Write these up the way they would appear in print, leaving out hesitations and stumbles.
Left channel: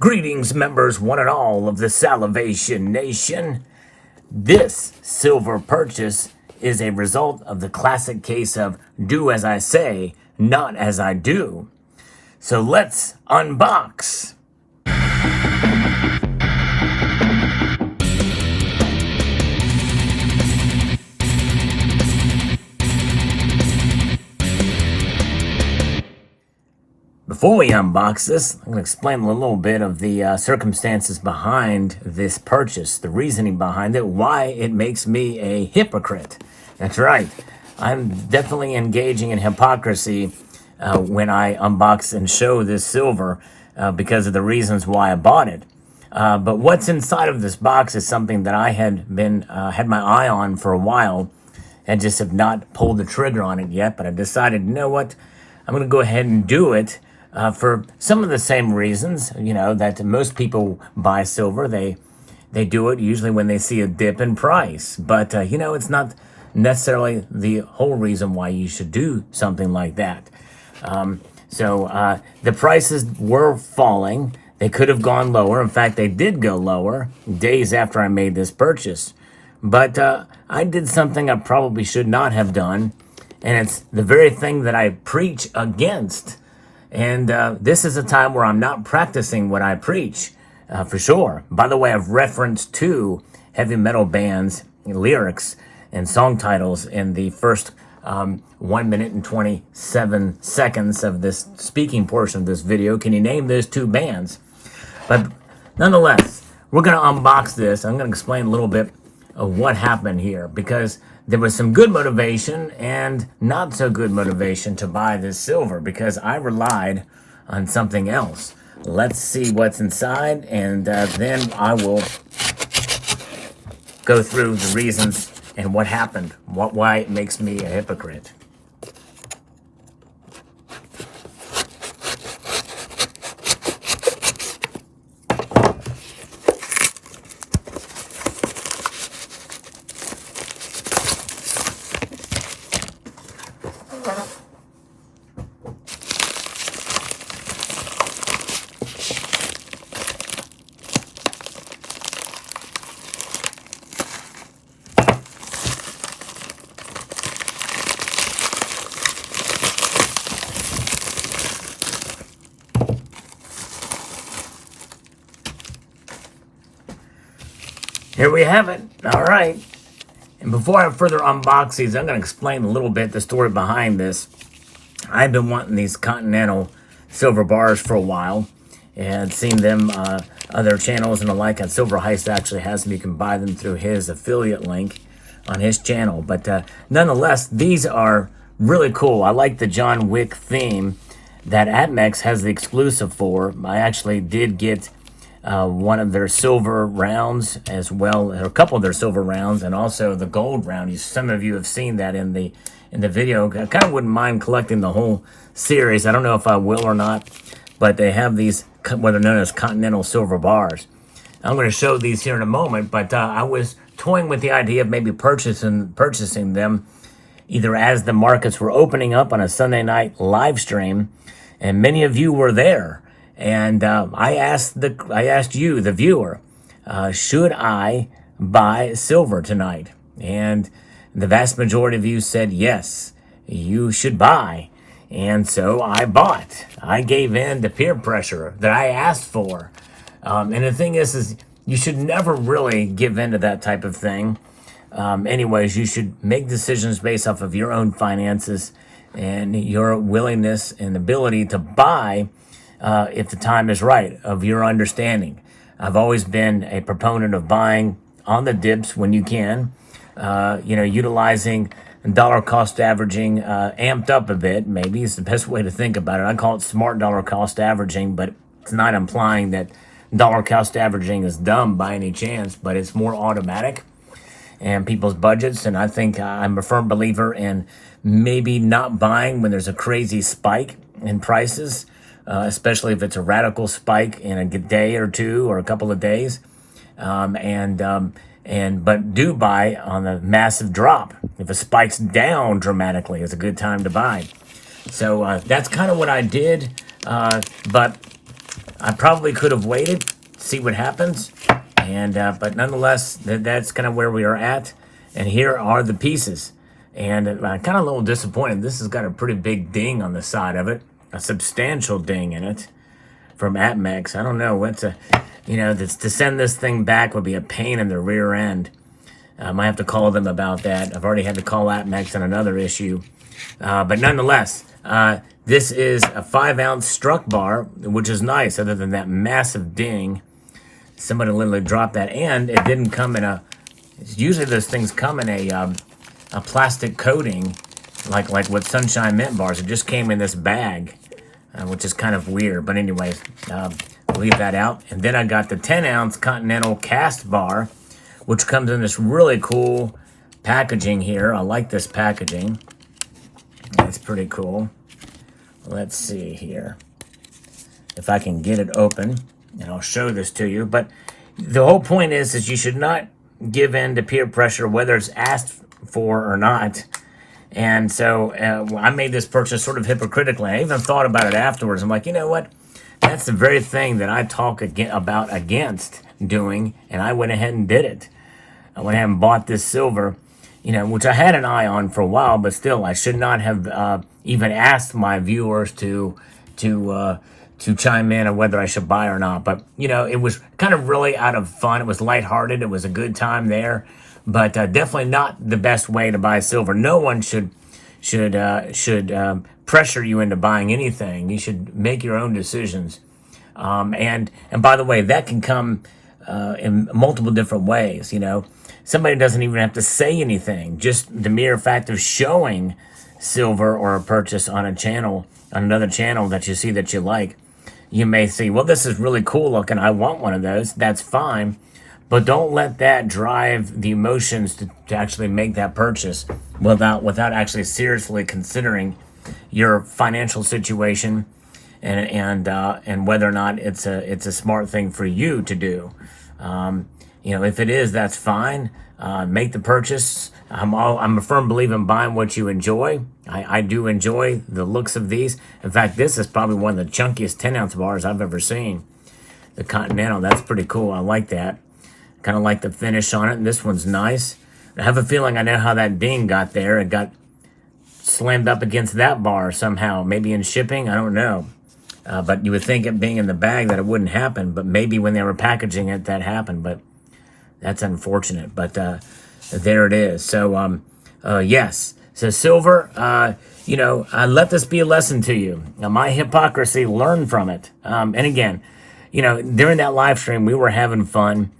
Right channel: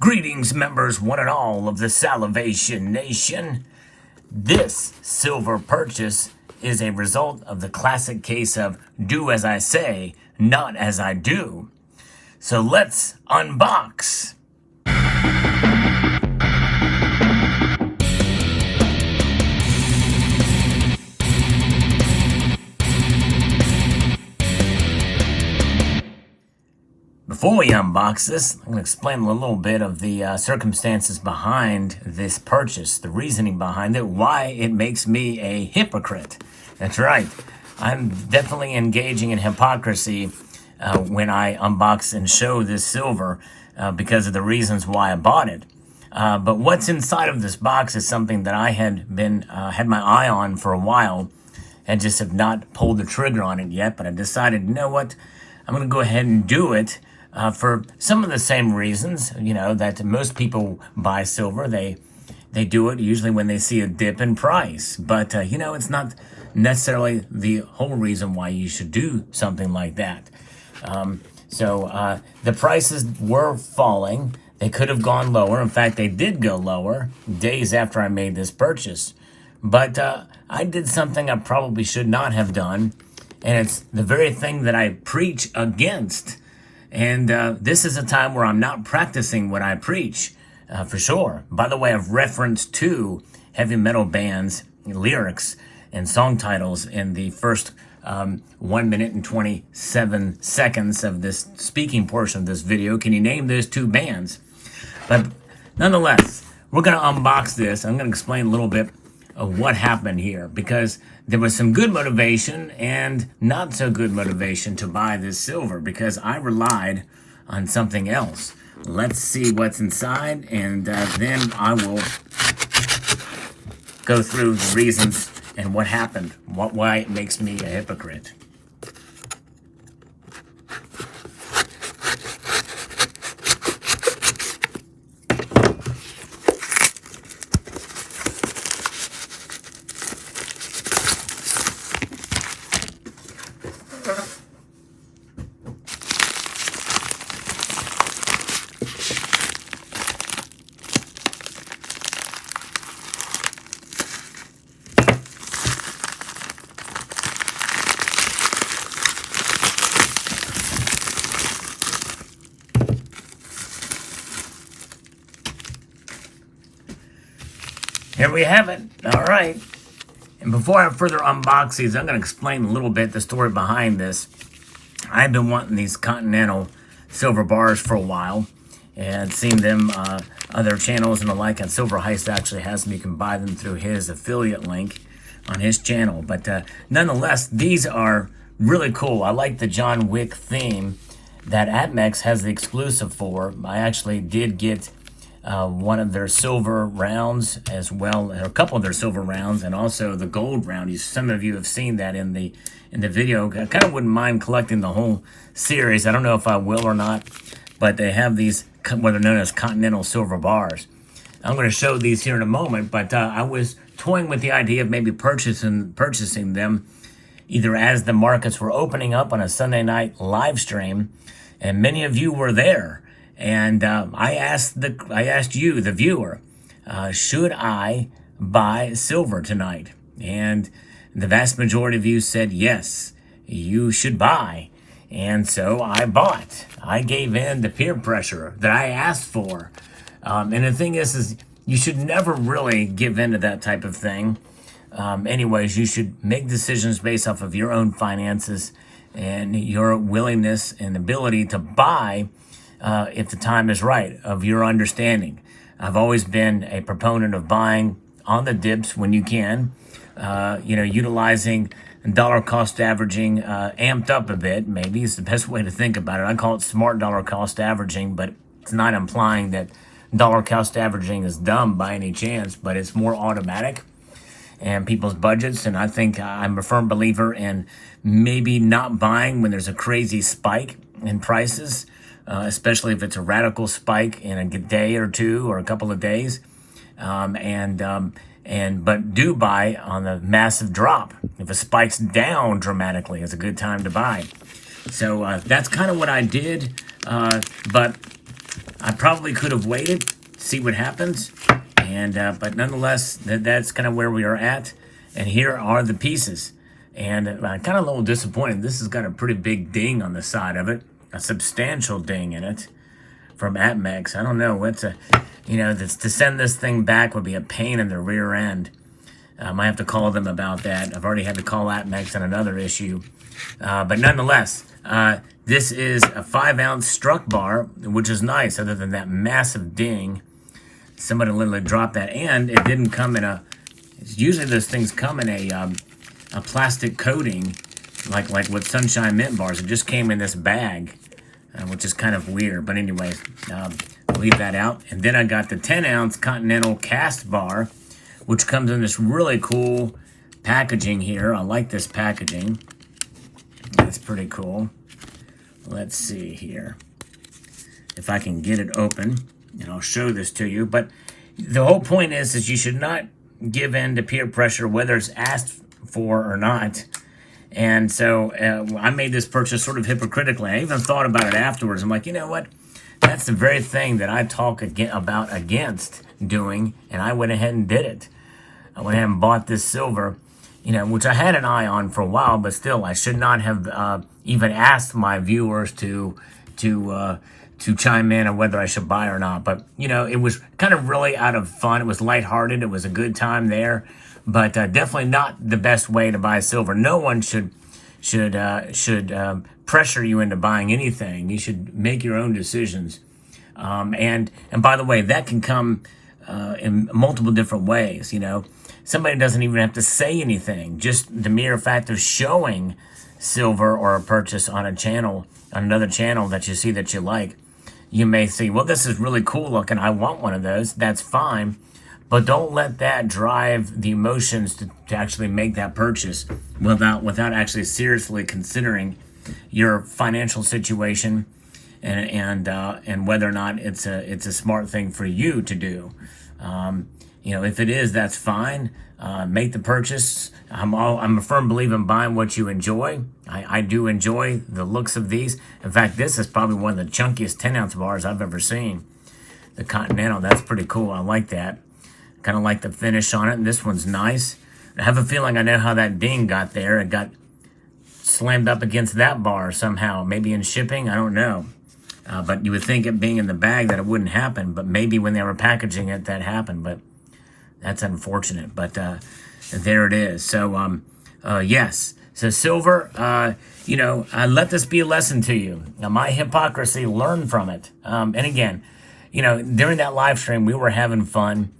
Greetings, members, one and all of the Salivation Nation. This silver purchase is a result of the classic case of do as I say, not as I do. So let's unbox. Before we unbox this, I'm going to explain a little bit of the circumstances behind this purchase, the reasoning behind it, why it makes me a hypocrite. That's right. I'm definitely engaging in hypocrisy when I unbox and show this silver because of the reasons why I bought it. But what's inside of this box is something that I had my eye on for a while and just have not pulled the trigger on it yet. But I decided, you know what, I'm going to go ahead and do it. For some of the same reasons, that most people buy silver. They do it usually when they see a dip in price. But, it's not necessarily the whole reason why you should do something like that. The prices were falling. They could have gone lower. In fact, they did go lower days after I made this purchase. But I did something I probably should not have done. And it's the very thing that I preach against. And this is a time where I'm not practicing what I preach, for sure. By the way, I've referenced two heavy metal bands' lyrics and song titles in the first 1 minute and 27 seconds of this speaking portion of this video. Can you name those two bands? But nonetheless, we're going to unbox this. I'm going to explain a little bit of what happened here, because there was some good motivation and not so good motivation to buy this silver because I relied on something else. Let's see what's inside, and then I will go through the reasons and what happened, why it makes me a hypocrite. Here we have it. All right. And before I further unbox these, I'm going to explain a little bit the story behind this. I've been wanting these Continental silver bars for a while and seen them, other channels and the like. And Silver Heist actually has them. You can buy them through his affiliate link on his channel. But nonetheless, these are really cool. I like the John Wick theme that Atmex has the exclusive for. I actually did get one of their silver rounds as well, a couple of their silver rounds, and also the gold round. Some of you have seen that in the video. I kind of wouldn't mind collecting the whole series. I don't know if I will or not, but they have these what are known as Continental silver bars. I'm going to show these here in a moment, but I was toying with the idea of maybe purchasing them either as the markets were opening up on a Sunday night live stream, and many of you were there. And I asked you, the viewer, should I buy silver tonight? And the vast majority of you said yes, you should buy. And so I bought. I gave in to peer pressure that I asked for. And the thing is you should never really give in to that type of thing. Anyways, you should make decisions based off of your own finances and your willingness and ability to buy if the time is right, of your understanding. I've always been a proponent of buying on the dips when you can, utilizing dollar cost averaging amped up a bit. Maybe it's the best way to think about it. I call it smart dollar cost averaging, but it's not implying that dollar cost averaging is dumb by any chance, but it's more automatic and people's budgets. And I think I'm a firm believer in maybe not buying when there's a crazy spike in prices. Especially if it's a radical spike in a day or two or a couple of days, but do buy on a massive drop. If it spikes down dramatically, it's a good time to buy. So that's kind of what I did. But I probably could have waited, see what happens, and but nonetheless, that's kind of where we are at. And here are the pieces. And kind of a little disappointed. This has got a pretty big ding on the side of it, a substantial ding in it from APMEX. I don't know what's to send this thing back would be a pain in the rear end. I might have to call them about that. I've already had to call APMEX on another issue. But nonetheless, this is a 5-ounce struck bar, which is nice, other than that massive ding. Somebody literally dropped that, and it didn't come in usually those things come in a plastic coating, like with Sunshine Mint bars. It just came in this bag, which is kind of weird. But anyways, leave that out. And then I got the 10-ounce Continental cast bar, which comes in this really cool packaging here. I like this packaging. That's pretty cool. Let's see here if I can get it open, and I'll show this to you. But the whole point is you should not give in to peer pressure, whether it's asked for or not. And so I made this purchase sort of hypocritically. I even thought about it afterwards. I'm like, you know what? That's the very thing that I talk against doing, and I went ahead and did it. I went ahead and bought this silver, which I had an eye on for a while, but still, I should not have even asked my viewers to chime in on whether I should buy or not. But, it was kind of really out of fun. It was lighthearted. It was a good time there, but definitely not the best way to buy silver. No one should pressure you into buying anything. You should make your own decisions. And by the way, that can come in multiple different ways. Somebody doesn't even have to say anything. Just the mere fact of showing silver or a purchase on another channel that you see that you like, you may say, well, this is really cool looking. I want one of those. That's fine. But don't let that drive the emotions to actually make that purchase without actually seriously considering your financial situation and whether or not it's a smart thing for you to do. If it is, that's fine. Make the purchase. I'm a firm believer in buying what you enjoy. I do enjoy the looks of these. In fact, this is probably one of the chunkiest 10-ounce bars I've ever seen. The Continental, that's pretty cool. I like that. Kind of like the finish on it. And this one's nice. I have a feeling I know how that ding got there. It got slammed up against that bar somehow. Maybe in shipping, I don't know. But you would think it being in the bag that it wouldn't happen. But maybe when they were packaging it, that happened. But that's unfortunate. But there it is. So, yes. So silver, let this be a lesson to you. Now, my hypocrisy, learn from it. And again, during that live stream, we were having fun.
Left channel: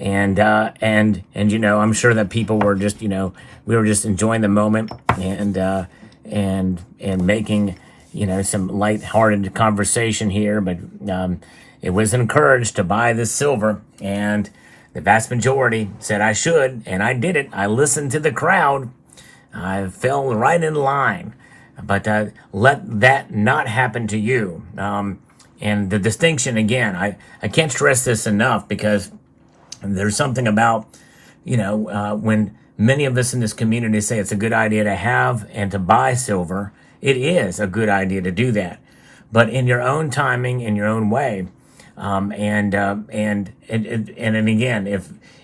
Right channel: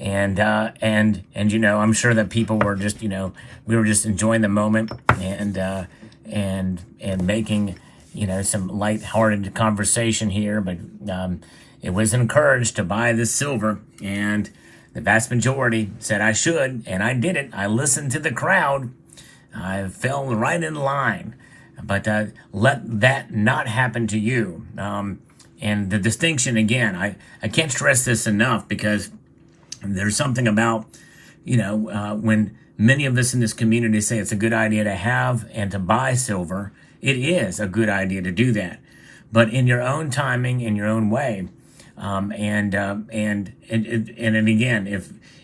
And I'm sure that people were just, we were just enjoying the moment and making, some lighthearted conversation here. But it was encouraged to buy this silver, and the vast majority said I should, and I did it. I listened to the crowd. I fell right in line. But let that not happen to you. And the distinction, again, I can't stress this enough, because there's something about, when many of us in this community say it's a good idea to have and to buy silver, it is a good idea to do that, but in your own timing, in your own way. And again,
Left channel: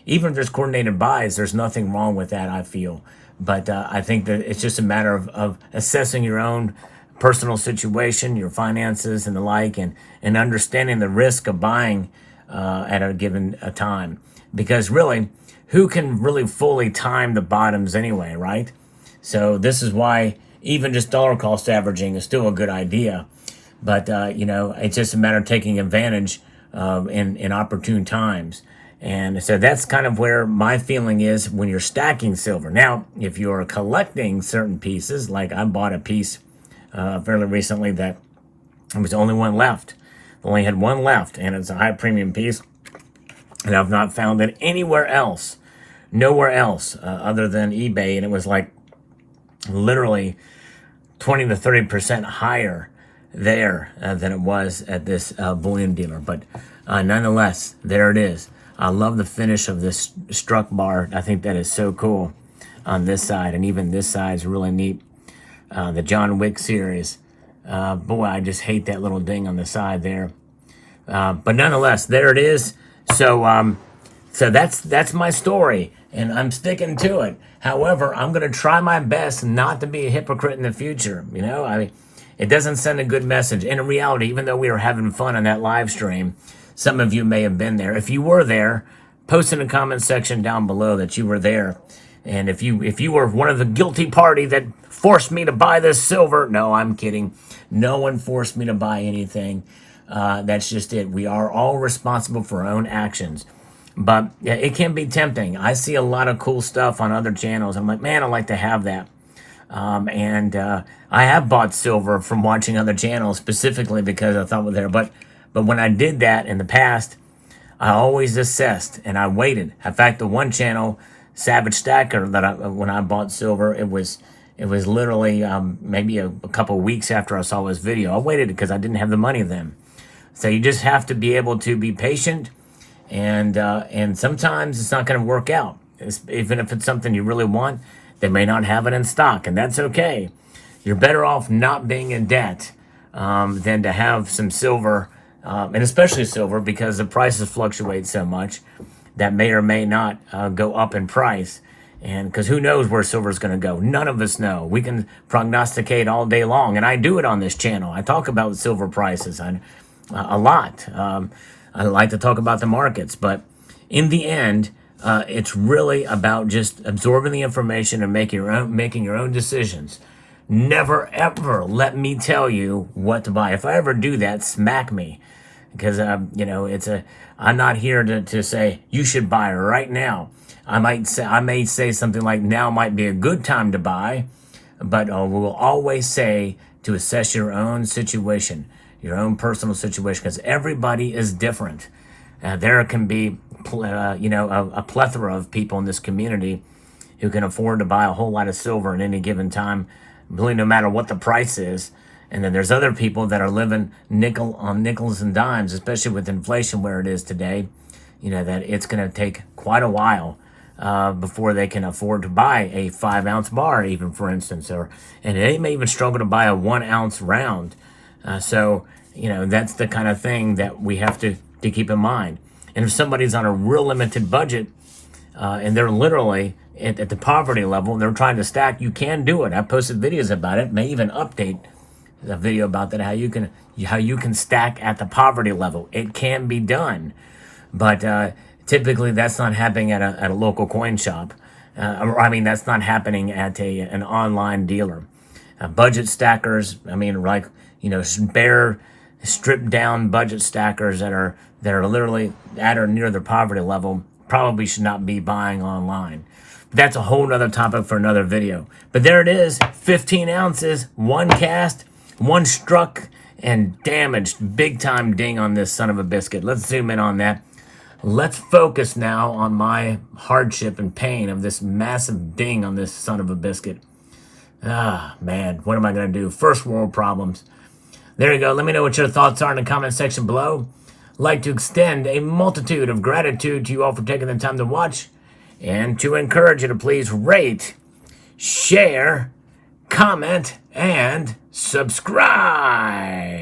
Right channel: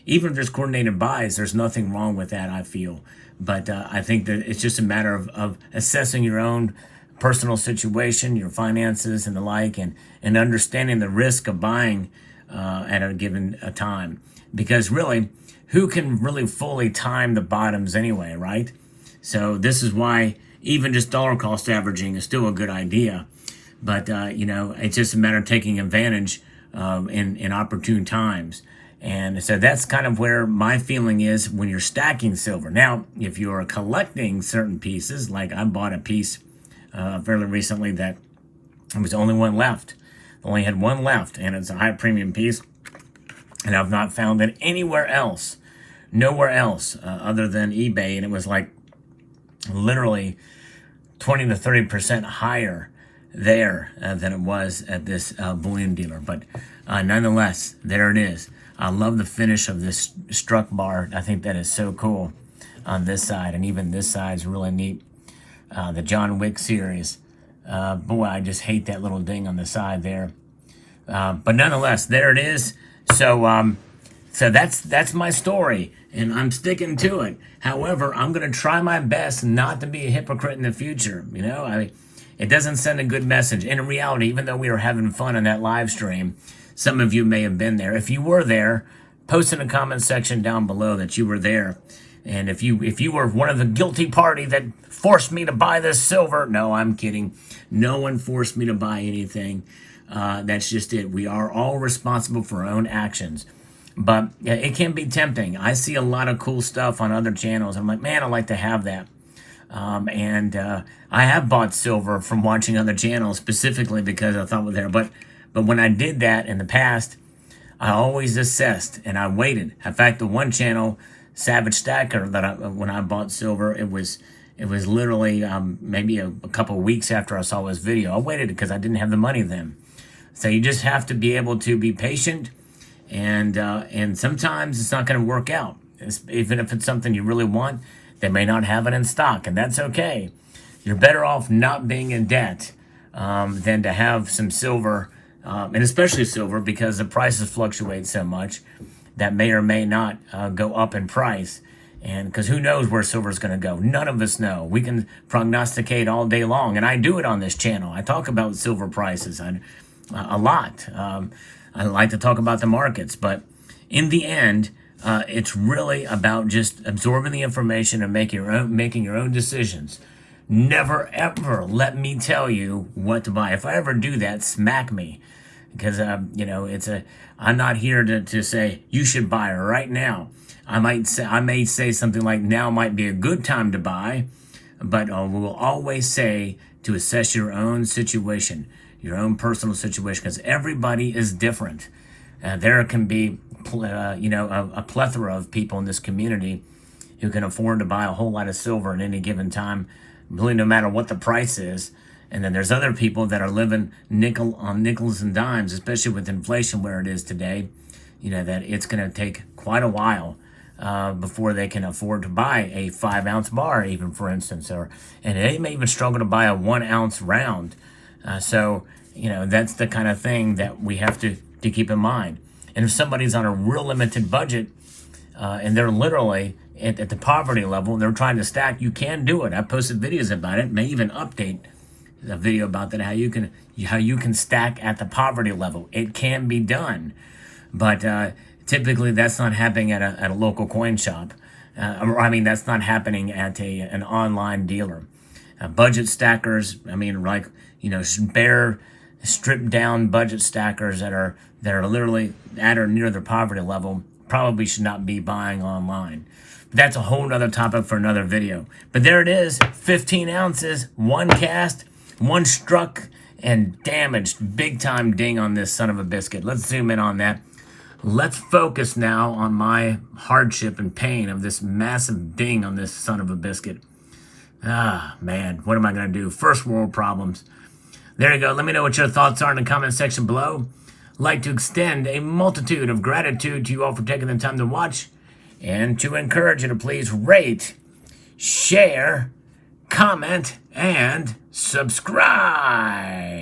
even if there's coordinated buys, there's nothing wrong with that, I feel. But I think that it's just a matter of assessing your own personal situation, your finances and the like, and understanding the risk of buying at a given time. Because really, who can really fully time the bottoms anyway, right? So this is why even just dollar cost averaging is still a good idea. But, it's just a matter of taking advantage in opportune times. And so that's kind of where my feeling is when you're stacking silver. Now, if you're collecting certain pieces, like I bought a piece fairly recently that there was only one left. Only had one left, and it's a high premium piece. And I've not found it anywhere else, nowhere else other than eBay. And it was like literally 20 to 30% higher there than it was at this bullion dealer. But nonetheless, there it is. I love the finish of this struck bar. I think that is so cool on this side. And even this side is really neat. The John Wick series. Boy, I just hate that little ding on the side there. But nonetheless, there it is. So that's my story, and I'm sticking to it. However, I'm going to try my best not to be a hypocrite in the future. I mean, it doesn't send a good message. In reality, even though we were having fun on that live stream, some of you may have been there. If you were there, post in the comment section down below that you were there. And if you were one of the guilty party that forced me to buy this silver, no, I'm kidding. No one forced me to buy anything. That's just it. We are all responsible for our own actions. But it can be tempting. I see a lot of cool stuff on other channels. I'm like, man, I'd like to have that. I have bought silver from watching other channels specifically because I thought it was there. But when I did that in the past, I always assessed and I waited. In fact, the one channel, Savage Stacker, when I bought silver, it was literally maybe a couple weeks after I saw his video. I waited because I didn't have the money then. So you just have to be able to be patient, and sometimes it's not going to work out. Even if it's something you really want, they may not have it in stock, and that's okay. You're better off not being in debt than to have some silver, and especially silver, because the prices fluctuate so much that may or may not go up in price. And because who knows where silver is going to go? None of us know. We can prognosticate all day long, and I do it on this channel. I talk about silver prices a lot. I like to talk about the markets, but in the end, it's really about just absorbing the information and making your own decisions. Never ever let me tell you what to buy. If I ever do that, smack me, because I'm not here to say you should buy right now. I may say something like now might be a good time to buy, but we will always say to assess your own situation, your own personal situation, because everybody is different. There can be a plethora of people in this community who can afford to buy a whole lot of silver at any given time, really no matter what the price is. And then there's other people that are living nickels and dimes, especially with inflation where it is today, that it's going to take quite a while before they can afford to buy a 5-ounce bar, even, for instance, and they may even struggle to buy a 1-ounce round. So that's the kind of thing that we have to keep in mind. And if somebody's on a real limited budget and they're literally at the poverty level, they're trying to stack, you can do it. I posted videos about it, may even update a video about that, how you can stack at the poverty level. It can be done, but typically that's not happening at a local coin shop. That's not happening at an online dealer. Budget stackers, bare, stripped down budget stackers that are literally at or near their poverty level probably should not be buying online. That's a whole nother topic for another video. But there it is, 15 ounces, one cast, one struck, and damaged. Big time ding on this son of a biscuit. Let's zoom in on that. Let's focus now on my hardship and pain of this massive ding on this son of a biscuit. Ah, man, what am I going to do? First world problems. There you go. Let me know what your thoughts are in the comment section below. I'd like to extend a multitude of gratitude to you all for taking the time to watch, and to encourage you to please rate, share, comment, and subscribe.